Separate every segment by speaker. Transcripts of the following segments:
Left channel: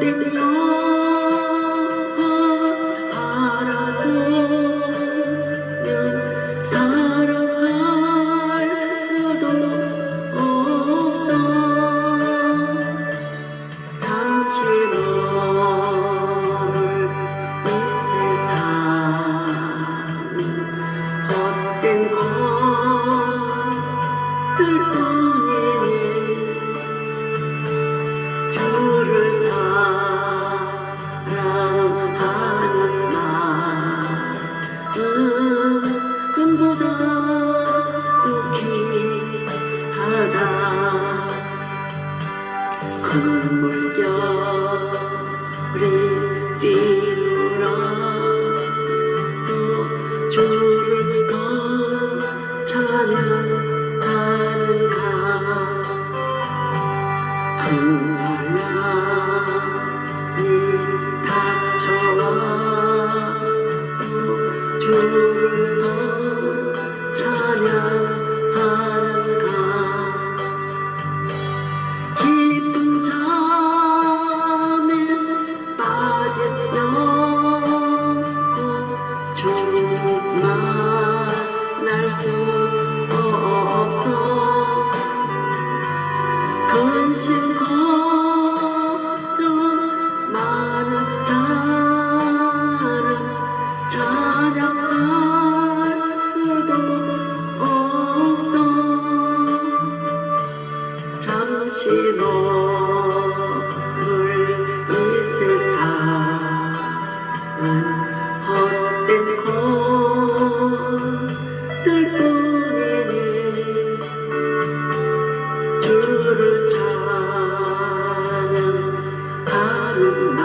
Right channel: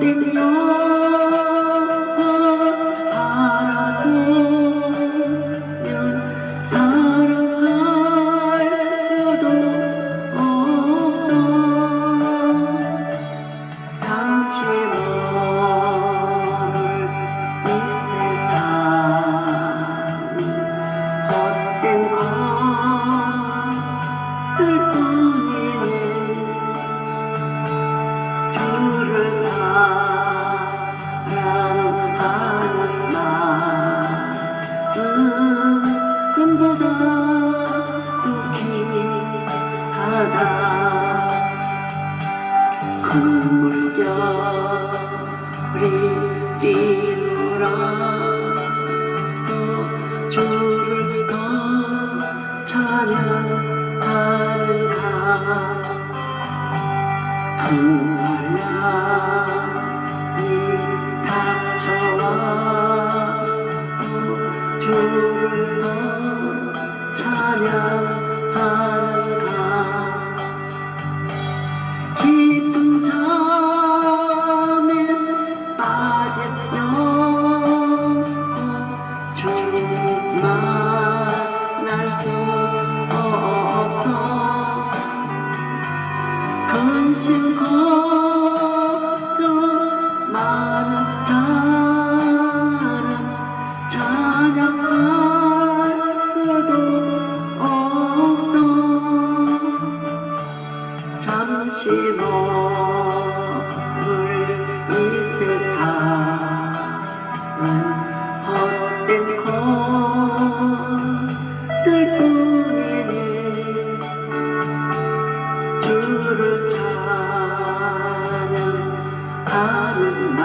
Speaker 1: দিন 나를 띠노라. 주를 더 찬양하는가? you.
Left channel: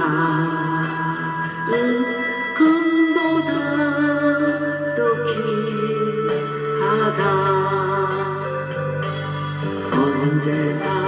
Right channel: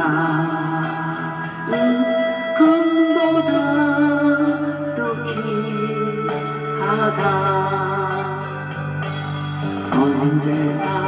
Speaker 1: 나를 금보다 더 귀하다. 언제나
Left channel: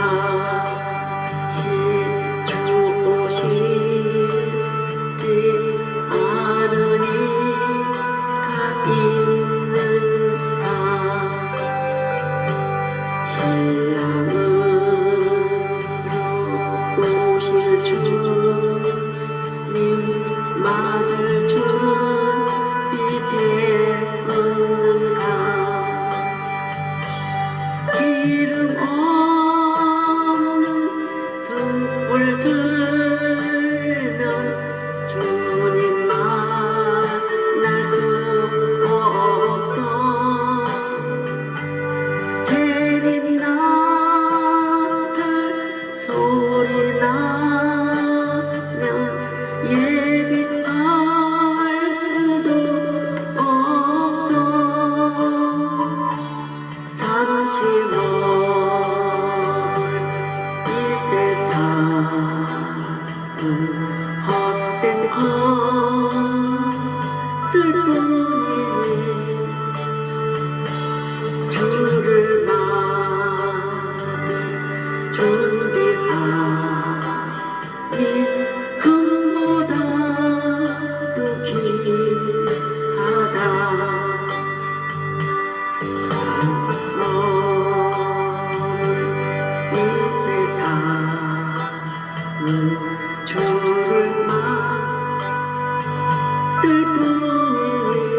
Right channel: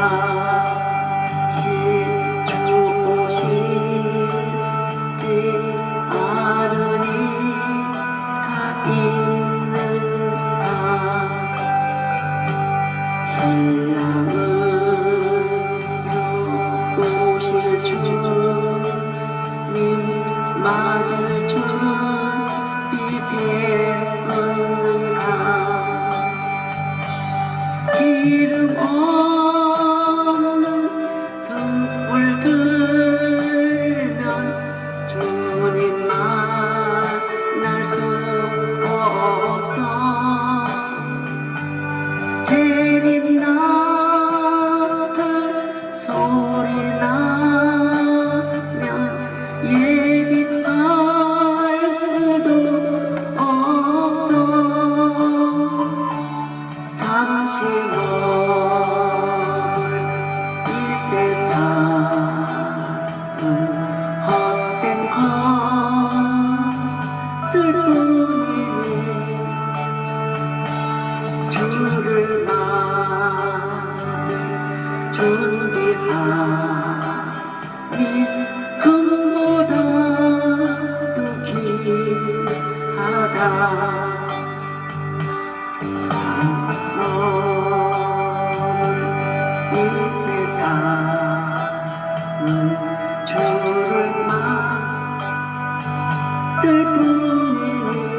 Speaker 1: You.